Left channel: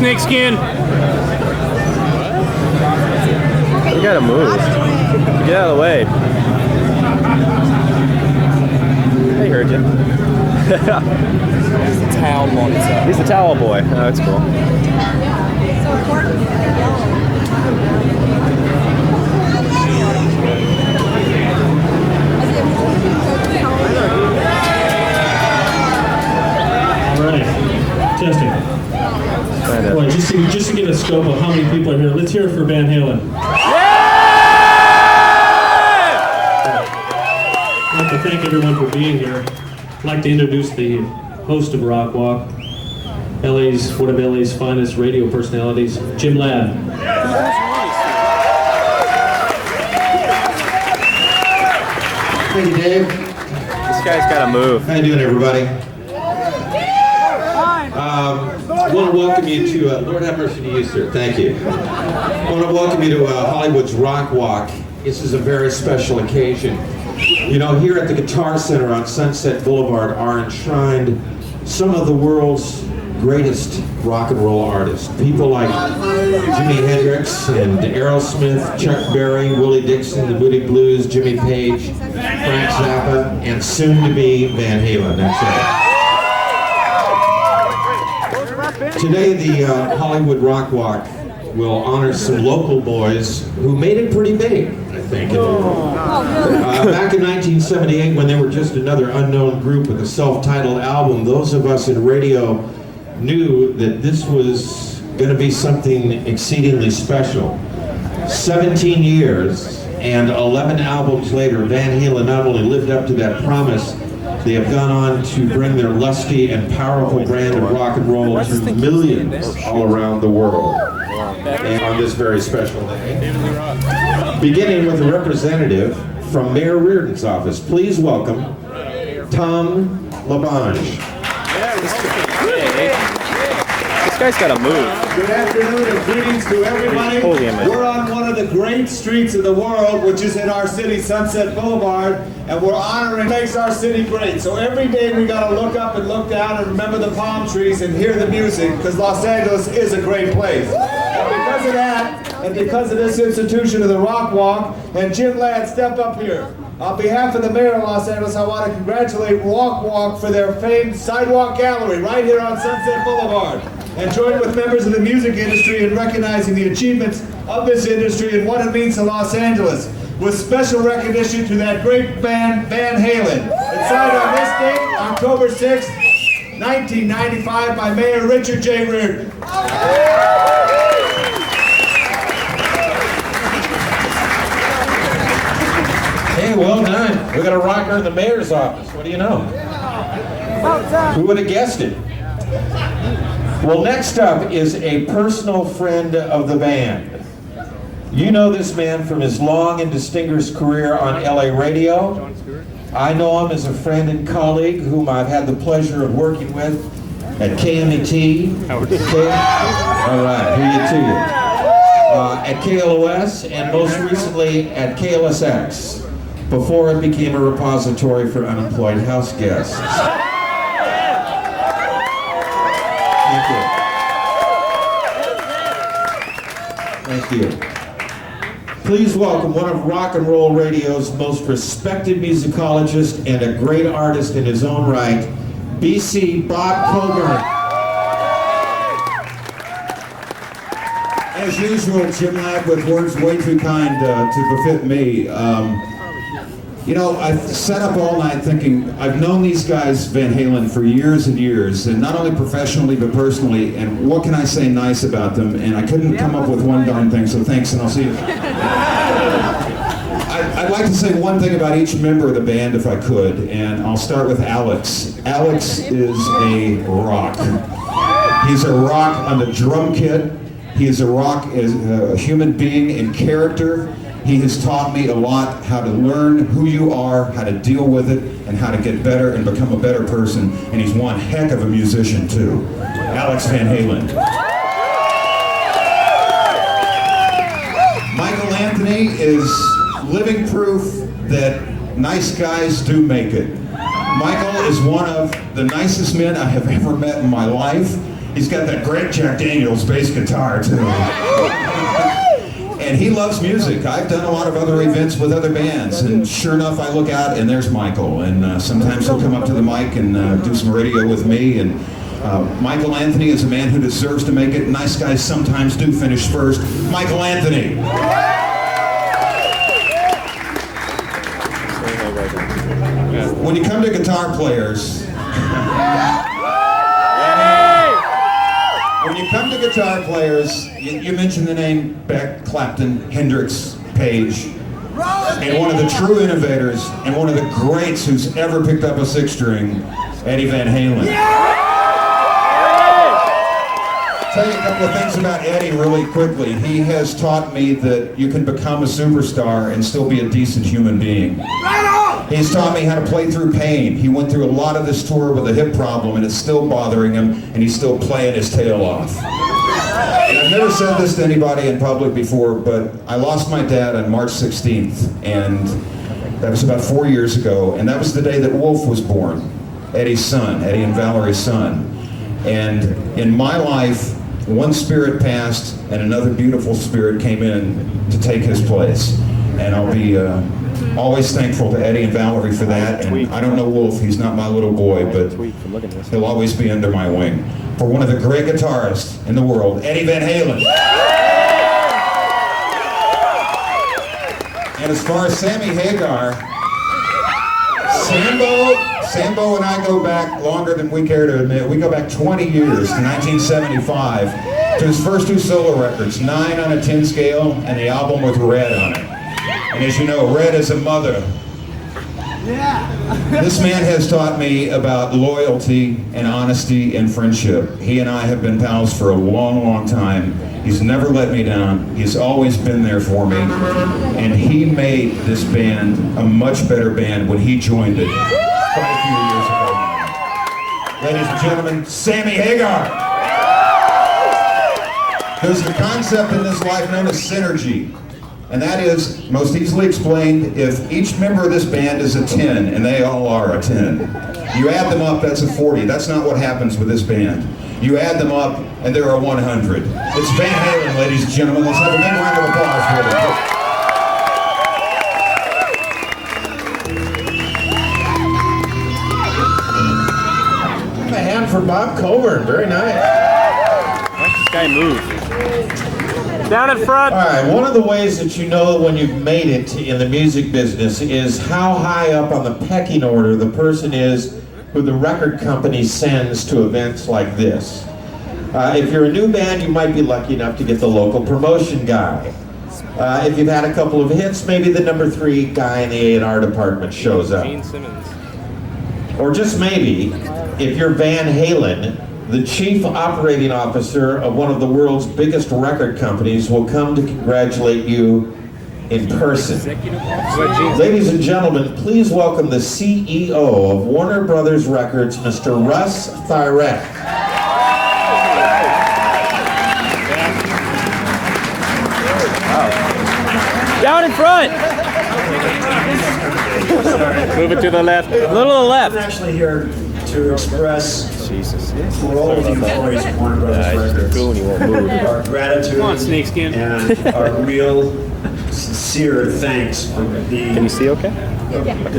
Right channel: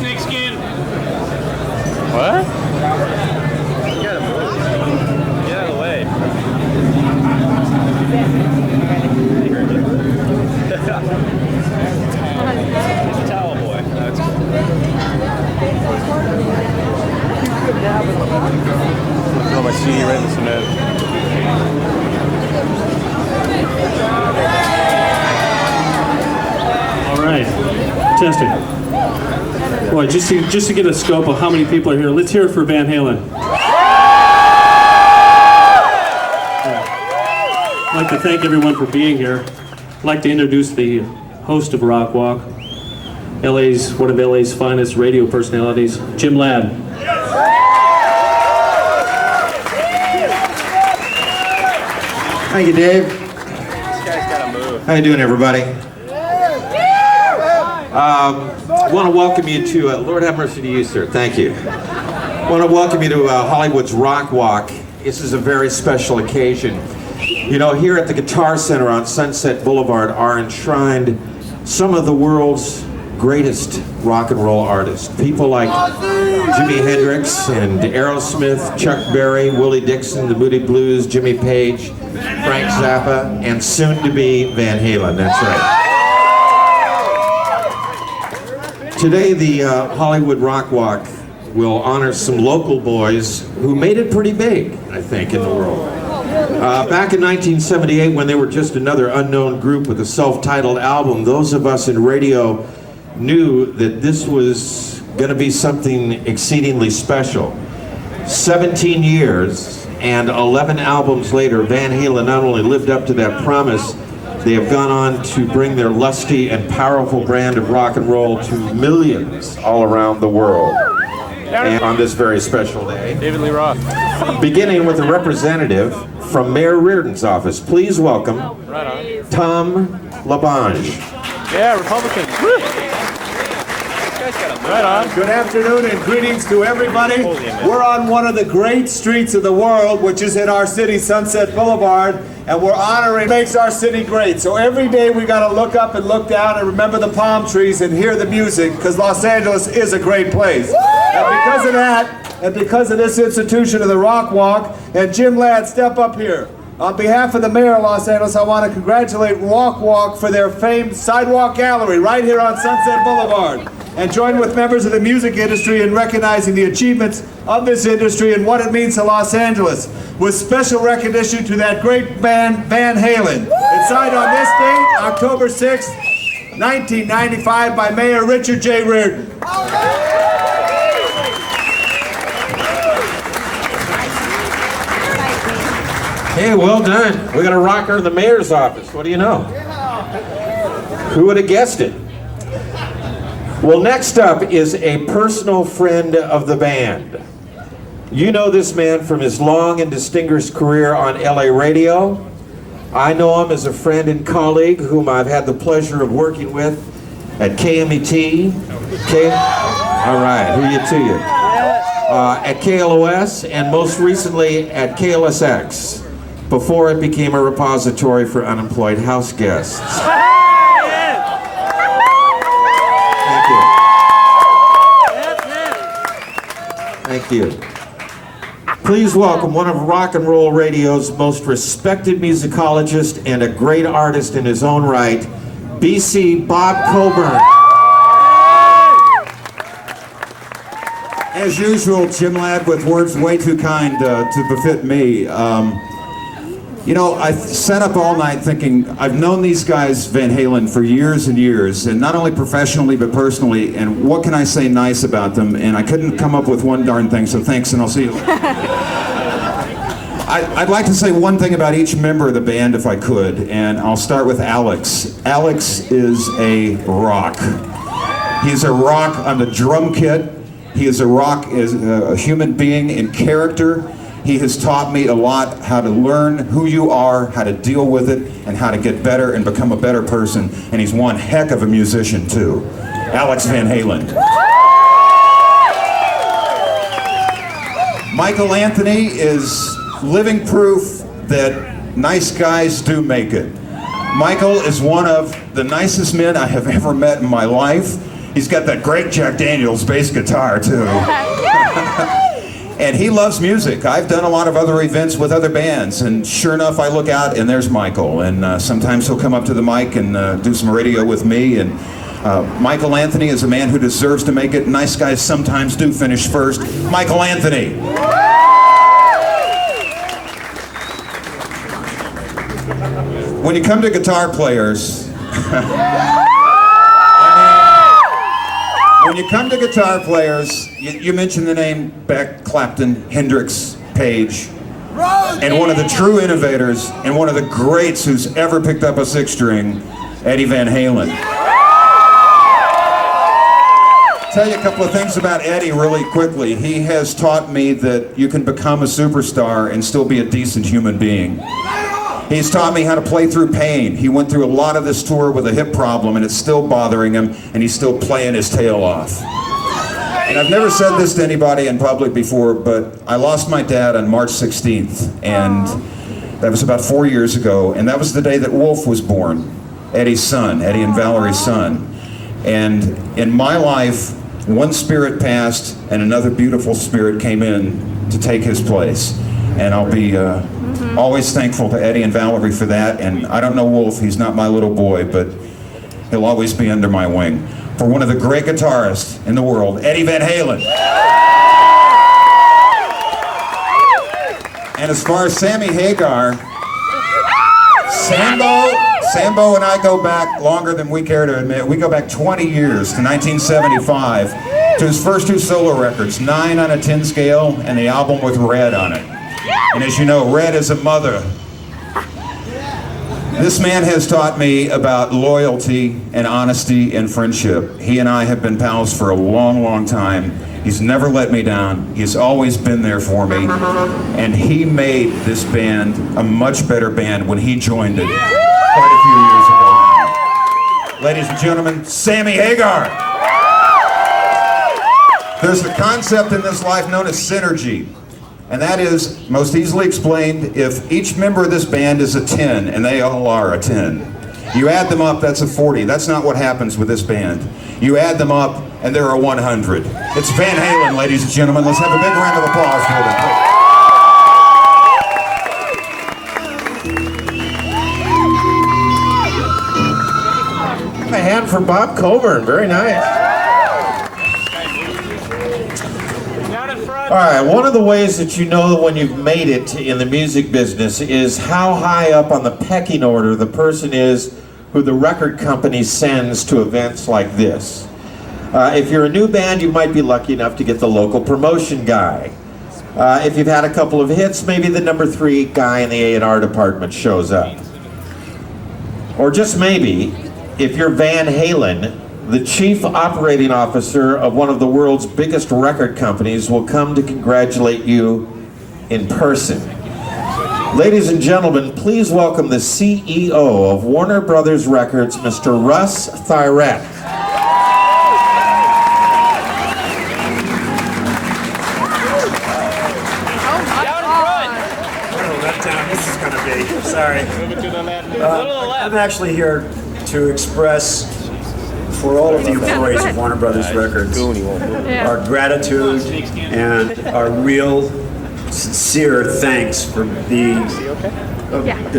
Snakeskin. What? You gotta move. Get out of the way. I heard you. He's a towel boy. He's a towel boy. Oh, that's cool. Oh, my senior rib is good. All right. Testing. Well, just to get a scope of how many people are here, let's hear it for Van Halen. I'd like to thank everyone for being here. I'd like to introduce the host of Rockwalk, one of LA's finest radio personalities, Jim Ladd. Thank you, Dave. This guy's gotta move. How you doing, everybody? I want to welcome you to, Lord have mercy to you, sir. Thank you. I want to welcome you to Hollywood's Rockwalk. This is a very special occasion. You know, here at the Guitar Center on Sunset Boulevard are enshrined some of the world's greatest rock and roll artists. People like Jimi Hendrix and Aerosmith, Chuck Berry, Willie Dixon, the Moody Blues, Jimmy Page, Frank Zappa, and soon to be Van Halen. That's right. Today, the Hollywood Rockwalk will honor some local boys who made it pretty big, I think, in the world. Back in 1978, when they were just another unknown group with a self-titled album, those of us in radio knew that this was going to be something exceedingly special. 17 years and 11 albums later, Van Halen not only lived up to that promise, they have gone on to bring their lusty and powerful brand of rock and roll to millions all around the world. And on this very special day, beginning with a representative from Mayor Reardon's office, please welcome Tom LaBonge. Yeah, Republican. This guy's got a move. Good afternoon and greetings to everybody. We're on one of the great streets of the world, which is in our city, Sunset Boulevard, and we're honoring what makes our city great. So every day we got to look up and look down and remember the palm trees and hear the music, because Los Angeles is a great place. And because of that, and because of this institution of the Rock Walk, and Jim Ladd, step up here. On behalf of the mayor of Los Angeles, I want to congratulate Rock Walk for their famed sidewalk gallery right here on Sunset Boulevard, and join with members of the music industry in recognizing the achievements of this industry and what it means to Los Angeles, with special recognition to that great band, Van Halen. It's signed on this date, October 6th, 1995, by Mayor Richard J. Reardon. Hey, well done. We got a rocker in the mayor's office. What do you know? Who would have guessed it? Well, next up is a personal friend of the band. You know this man from his long and distinguished career on LA radio. I know him as a friend and colleague whom I've had the pleasure of working with at KMET. All right, who you to you? At KLOS, and most recently at KLSX, before it became a repository for unemployed house guests. Thank you. Please welcome one of rock and roll radio's most respected musicologists and a great artist in his own right, BC Bob Coburn. As usual, Jim Ladd with words way too kind to befit me. You know, I sat up all night thinking, I've known these guys, Van Halen, for years and years, and not only professionally, but personally, and what can I say nice about them? And I couldn't come up with one darn thing, so thanks, and I'll see you. I'd like to say one thing about each member of the band, if I could, and I'll start with Alex. Alex is a rock. He's a rock on the drum kit. He is a rock as a human being in character. He has taught me a lot how to learn who you are, how to deal with it, and how to get better and become a better person. And he's one heck of a musician, too. Alex Van Halen. Michael Anthony is living proof that nice guys do make it. Michael is one of the nicest men I have ever met in my life. He's got that great Jack Daniels bass guitar, too. And he loves music. I've done a lot of other events with other bands, and sure enough, I look out and there's Michael. And sometimes he'll come up to the mic and do some radio with me. And Michael Anthony is a man who deserves to make it. Nice guys sometimes do finish first. Michael Anthony. When you come to guitar players, when you come to guitar players, you mention the name Beck, Clapton, Hendrix, Page, and one of the true innovators and one of the greats who's ever picked up a six string, Eddie Van Halen. I'll tell you a couple of things about Eddie really quickly. He has taught me that you can become a superstar and still be a decent human being. He's taught me how to play through pain. He went through a lot of this tour with a hip problem and it's still bothering him, and he's still playing his tail off. And I've never said this to anybody in public before, but I lost my dad on March 16th, and that was about 4 years ago, and that was the day that Wolf was born, Eddie's son, Eddie and Valerie's son. And in my life, one spirit passed and another beautiful spirit came in to take his place. And I'll be always thankful to Eddie and Valerie for that. And I don't know Wolf, he's not my little boy, but he'll always be under my wing. For one of the great guitarists in the world, Eddie Van Halen. And as far as Sammy Hagar, Sambo and I go back longer than we care to admit. We go back 20 years to 1975 to his first two solo records, 9 on a 10 scale and the album with Red on it. And as you know, Red is a mother. This man has taught me about loyalty and honesty and friendship. He and I have been pals for a long, long time. He's never let me down. He's always been there for me. And he made this band a much better band when he joined it quite a few years ago. Ladies and gentlemen, Sammy Hagar. There's a concept in this life known as synergy. And that is, most easily explained, if each member of this band is a 10, and they all are a 10, you add them up, that's a 40. That's not what happens with this band. You add them up, and there are 100. It's Van Halen, ladies and gentlemen. Let's have a big round of applause for them. A hand for Bob Coburn. Very nice. This guy moves. Down in front. All right, one of the ways that you know when you've made it in the music business is how high up on the pecking order the person is who the record company sends to events like this. If you're a new band, you might be lucky enough to get the local promotion guy. If you've had a couple of hits, maybe the number 3 guy in the A&R department shows up. Or just maybe, if you're Van Halen, the chief operating officer of one of the world's biggest record companies will come to congratulate you in person. Ladies and gentlemen, please welcome the CEO of Warner Brothers Records, Mr. Russ Thyrett. Down in front. Sorry. Move it to the left. A little to the left. I'm actually here to express for all of the employees of Warner Brothers Records He won't move. our gratitude and our real sincere thanks for the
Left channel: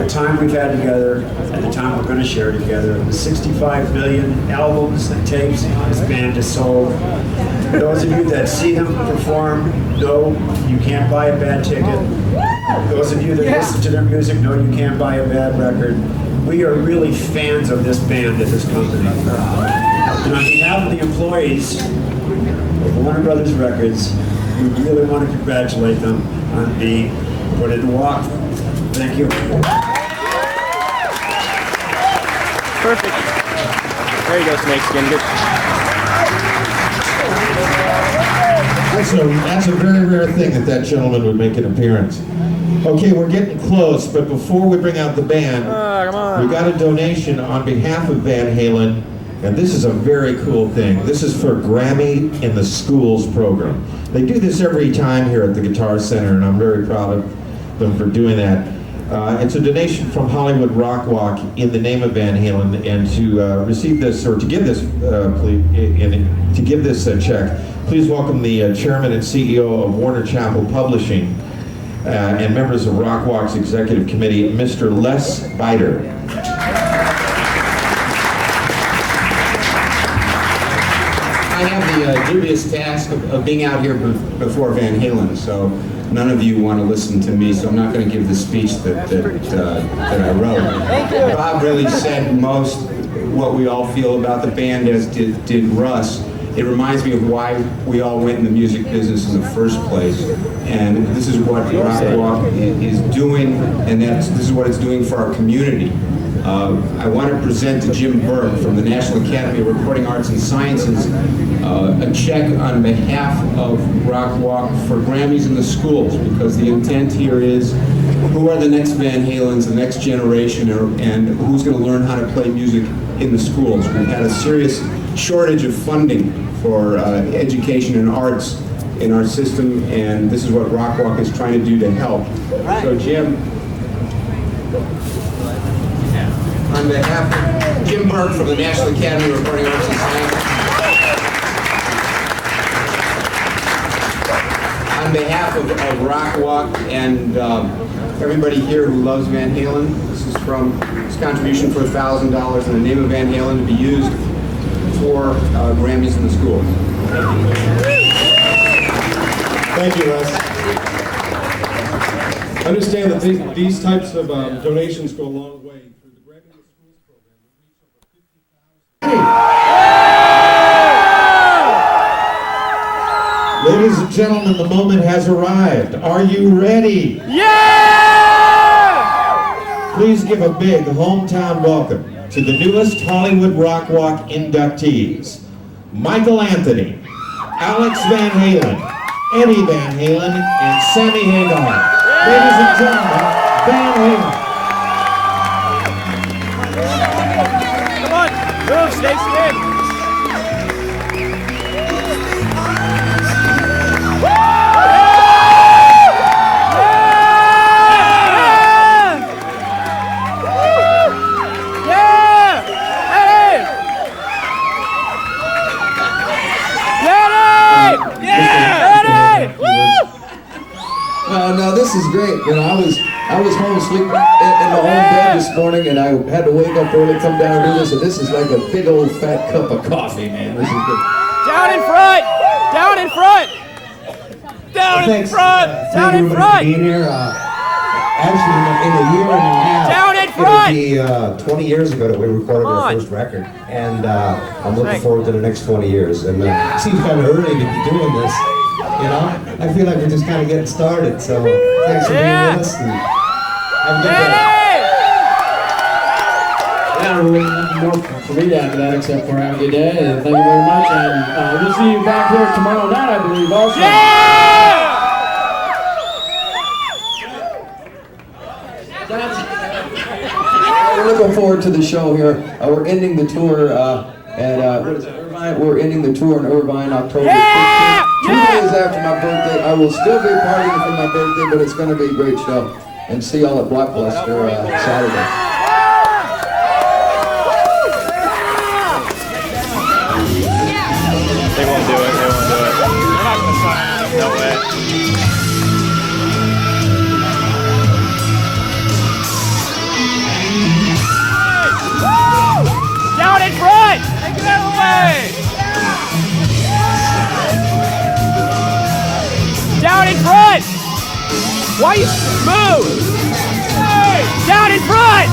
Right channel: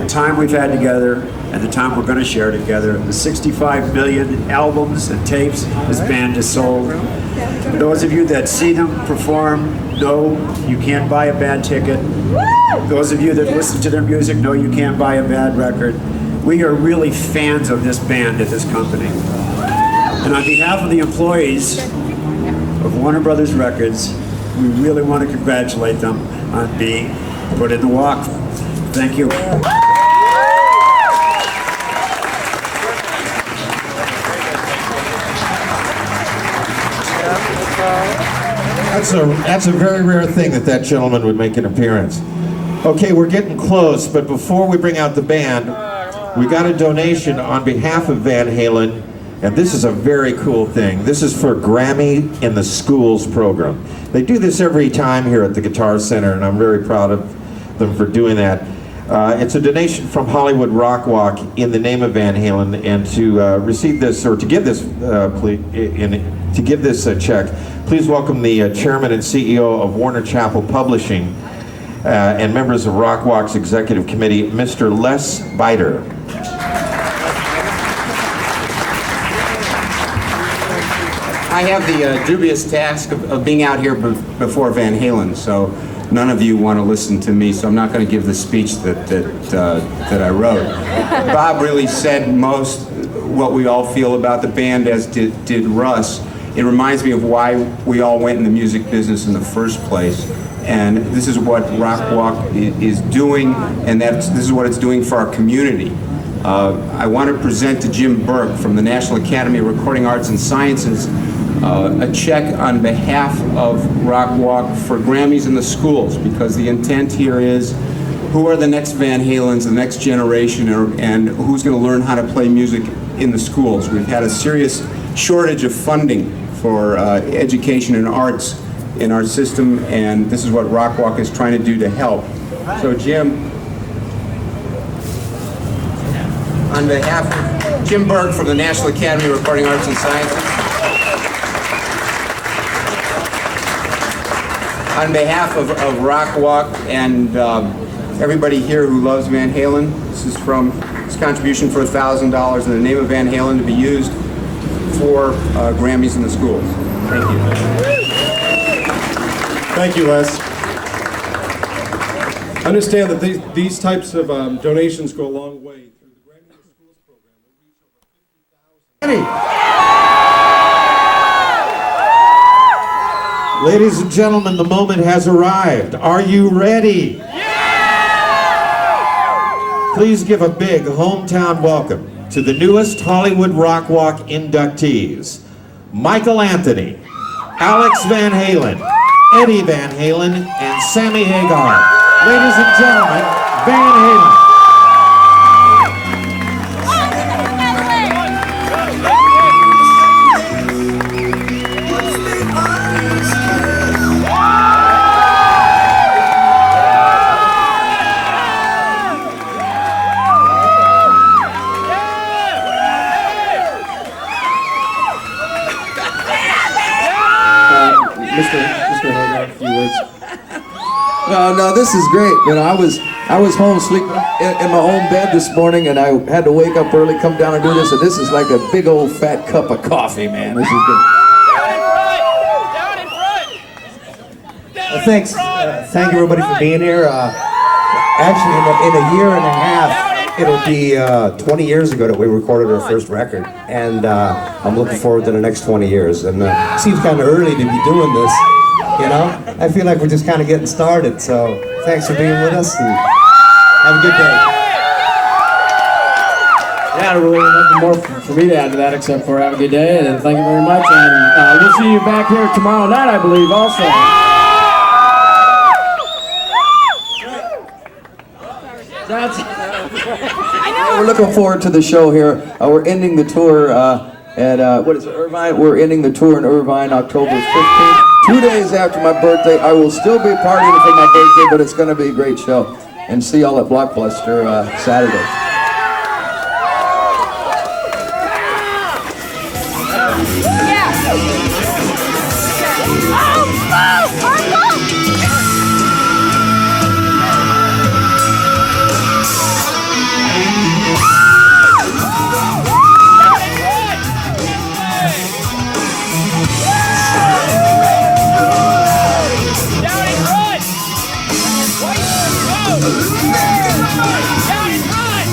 time we've had together and the time we're going to share together. The 65 million albums and tapes this band has sold. For those of you that see him perform, know you can't buy a bad ticket. Those of you that listen to their music know you can't buy a bad record. We are really fans of this band at this company. And on behalf of the employees of Warner Brothers Records, we really want to congratulate them on being put in the walk. Thank you. Perfect. There you go, Snake. That's a very rare thing that gentleman would make an appearance. Okay, we're getting close, but before we bring out the band, we got a donation on behalf of Van Halen, and this is a very cool thing. This is for Grammy in the Schools program. They do this every time here at the Guitar Center, and I'm very proud of them for doing that. It's a donation from Hollywood Rockwalk in the name of Van Halen, and to receive this, or to give this, check, please welcome the chairman and CEO of Warner Chappell Publishing and members of Rockwalk's executive committee, Mr. Les Biter. I have the dubious task of being out here before Van Halen, so none of you want to listen to me, so I'm not going to give the speech that I wrote. Bob really said most what we all feel about the band, as did Russ. It reminds me of why we all went in the music business in the first place, and this is what Rockwalk is doing, and this is what it's doing for our community. I want to present to Jim Burke from the National Academy of Recording Arts and Sciences a check on behalf of Rockwalk for Grammys in the schools, because the intent here is, who are the next Van Halens, the next generation, and who's going to learn how to play music in the schools? We've had a serious shortage of funding for education and arts in our system, and this is what Rockwalk is trying to do to help. So Jim, on behalf of Jim Berg from the National Academy of Recording Arts and Science. On behalf of Rockwalk and everybody here who loves Van Halen, this is from his contribution for $1,000 in the name of Van Halen to be used for Grammys in the schools. Thank you, Wes. Understand that these types of donations go a long way. Through the Grammy in the Schools program, we reach over 50,000. Ladies and gentlemen, the moment has arrived. Are you ready? Yeah! Please give a big hometown welcome to the newest Hollywood Rockwalk inductees. Michael Anthony, Alex Van Halen, Eddie Van Halen, and Sammy Hagar. Ladies and gentlemen, Van Halen. No, this is great. You know, I was home sleeping in my own bed this morning, and I had to wake up early, come down and do this, and this is like a big old fat cup of coffee, man. This is good. Down in front! Down in front! Down in front! Thank you everybody for being here. Actually, in a year and a half, it'll be 20 years ago that we recorded our first record, and I'm looking forward to the next 20 years. And it seems kind of early to be doing this, you know? I feel like we're just kind of getting started, so thanks for being with us, and have a good day. Yeah, really nothing more for me to add to that except for have a good day, and thank you very much, and we'll see you back here tomorrow night, I believe, also. We're looking forward to the show here. We're ending the tour at, what is it, Irvine? We're ending the tour in Irvine October 15th. 2 days after my birthday. I will still be partying for my birthday, but it's going to be a great show. And see y'all at Blockbuster Saturday. Why you move? Down in front!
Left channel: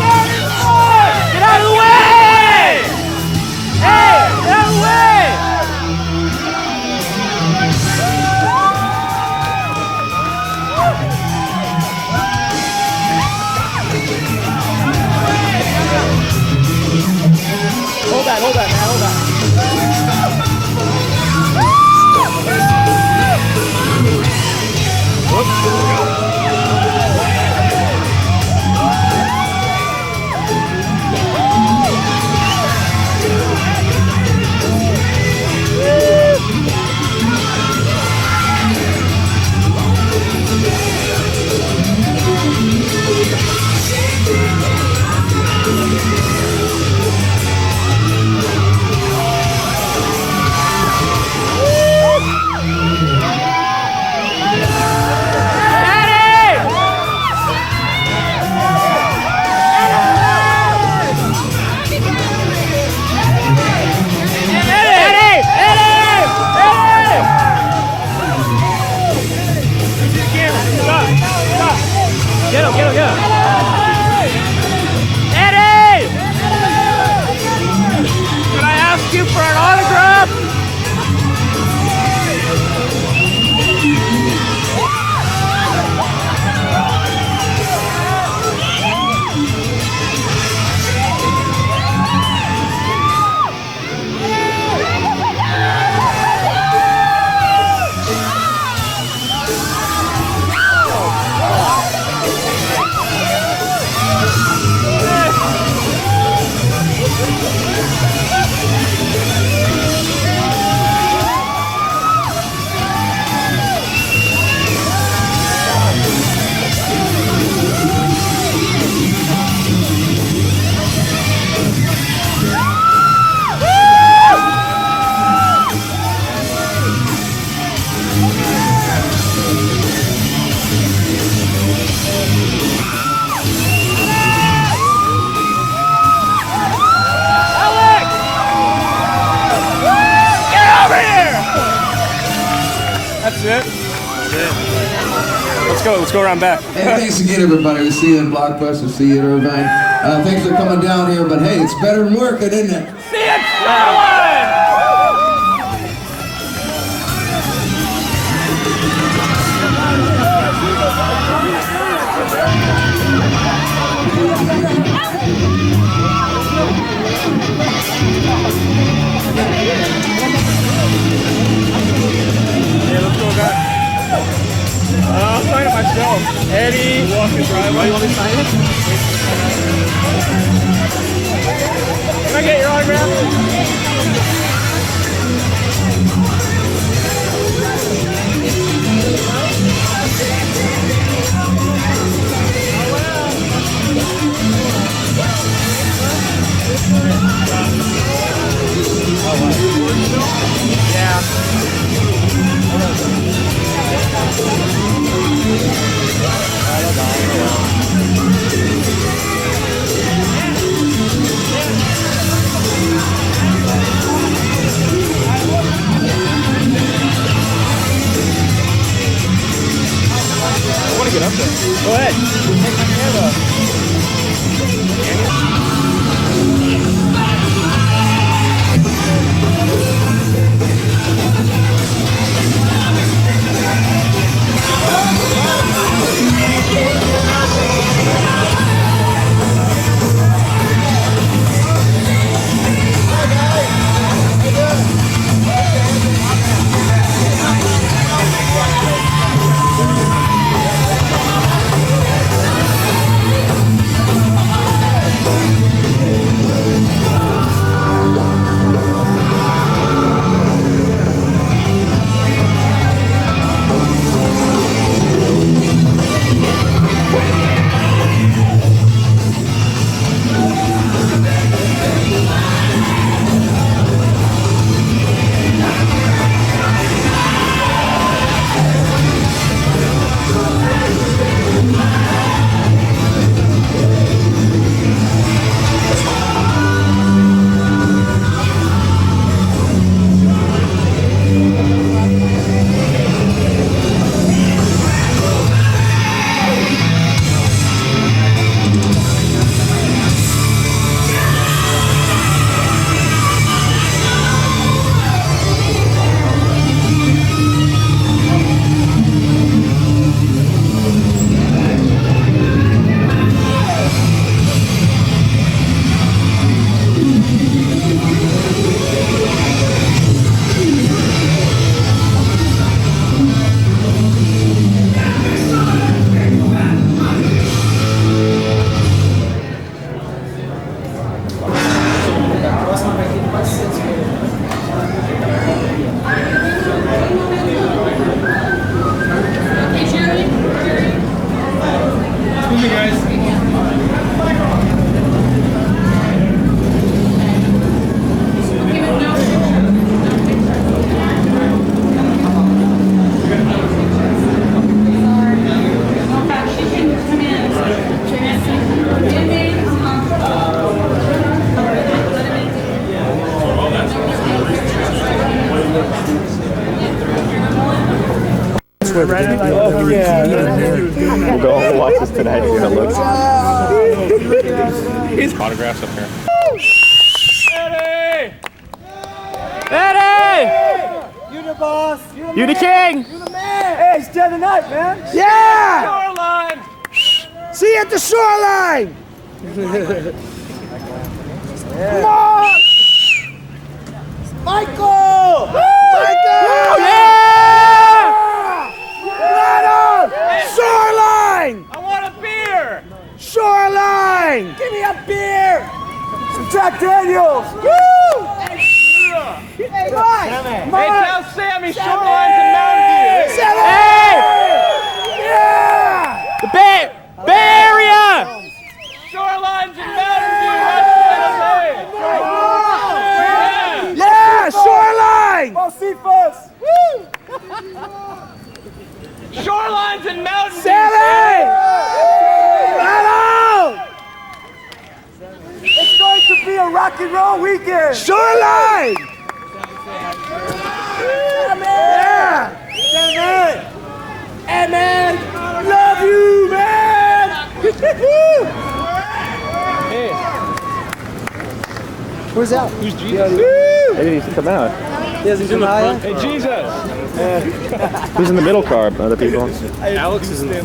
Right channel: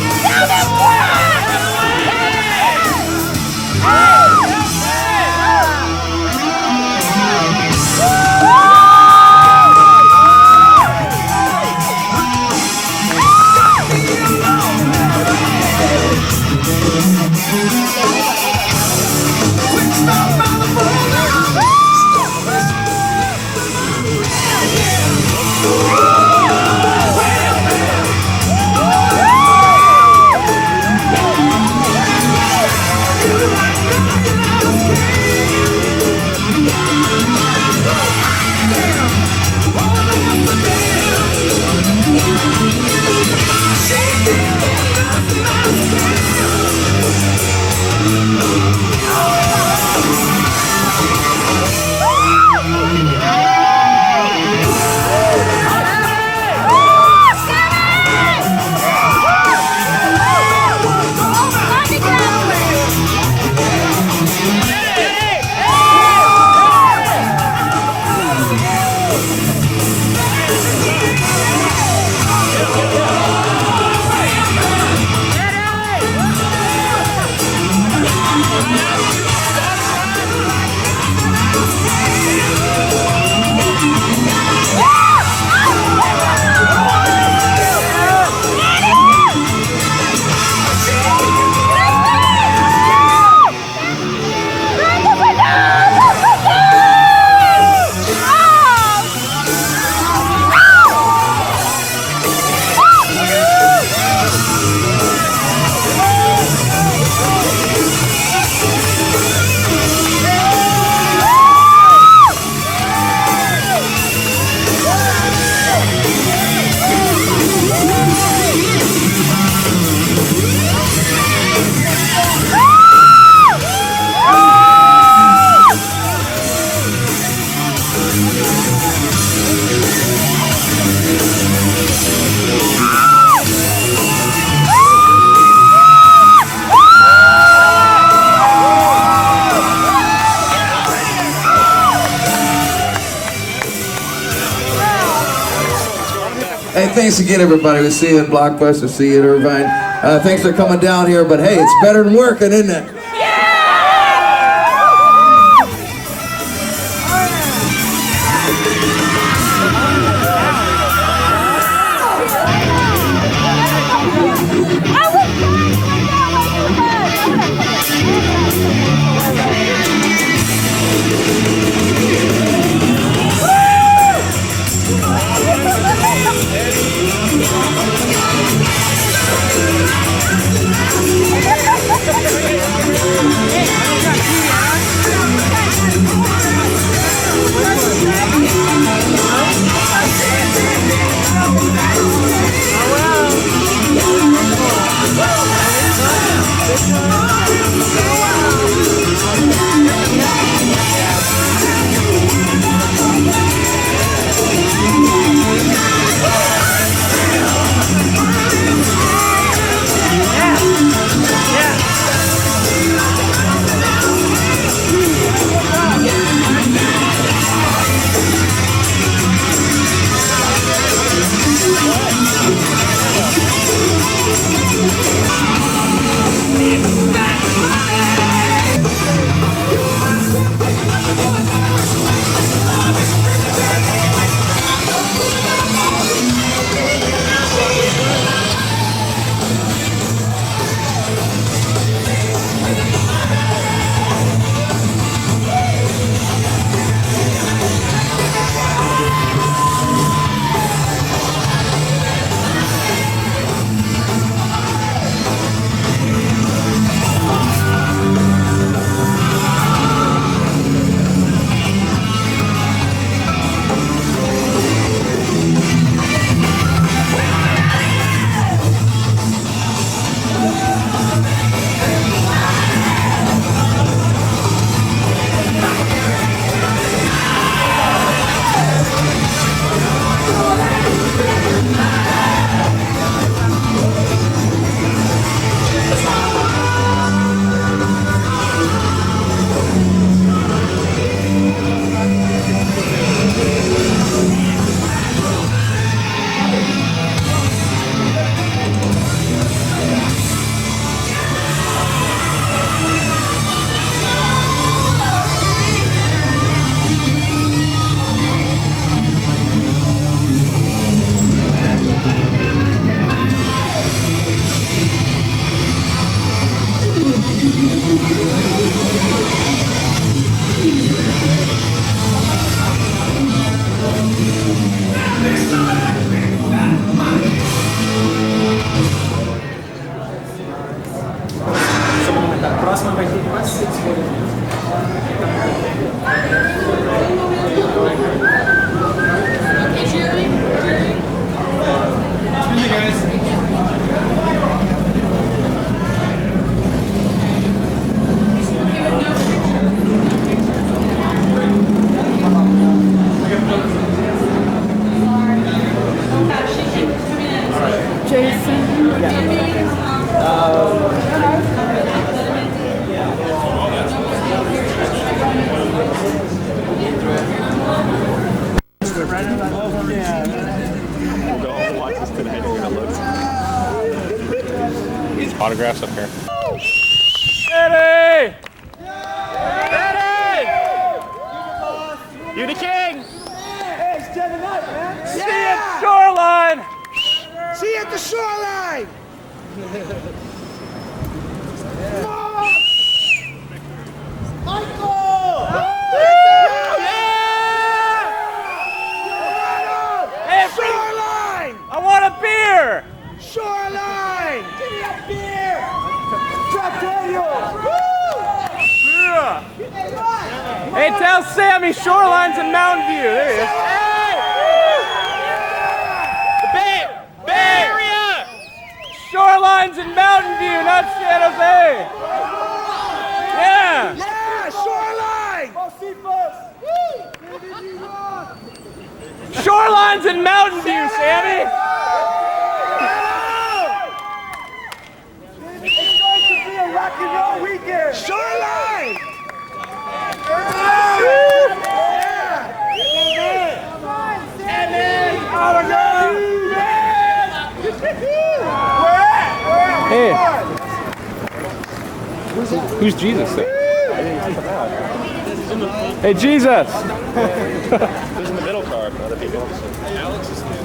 around back. Hey, thanks again, everybody. We'll see you in Blockbuster. See you in Irvine. Thanks for coming down here. But hey, it's better than working, isn't it? We'll go home and watch this tonight. See what it looks. Autographs up here. Ready! Ready! You the boss. You the king. You the man. Hey, it's dead tonight, man. Yeah! Shoreline. See you at the shoreline. Come on! Michael! Michael! Yeah! Shoreline! I want a beer! Shoreline! Give me a beer! Some Jack Daniels! Woo! Hey, Mike! Hey, tell Sammy Shoreline's in Mountain View. Hey! Yeah! The Bay Area! Shoreline's in Mountain View, not San Jose! Yeah! Yeah! Shoreline! Shoreline's in Mountain View, Sammy! It's going to be a rock and roll weekend! Shoreline! Yeah! Amen! Amen! I love you! Where's that? Who's Jesus? Maybe he's come out. Yes, he's in the front. Hey, Jesus! Who's in the middle car? Other people. Alex is there.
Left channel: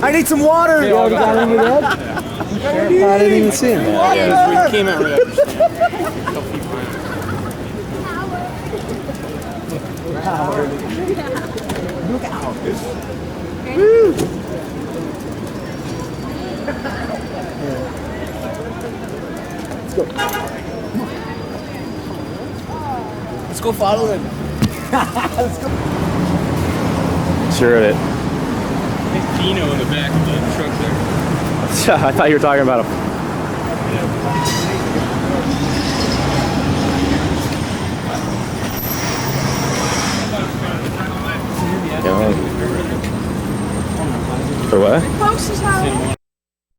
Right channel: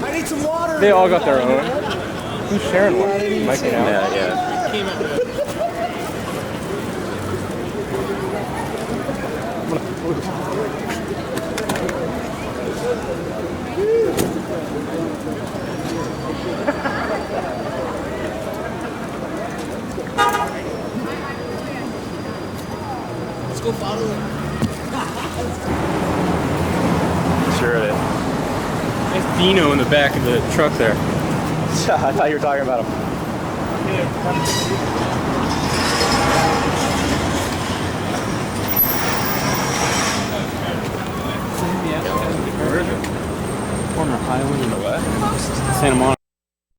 I need some water. They all got their own. Sharing. I didn't even see him. Yeah. We came out. Let's go follow them. Sure it. There's Dino in the back of the truck there. I thought you were talking about him. For what?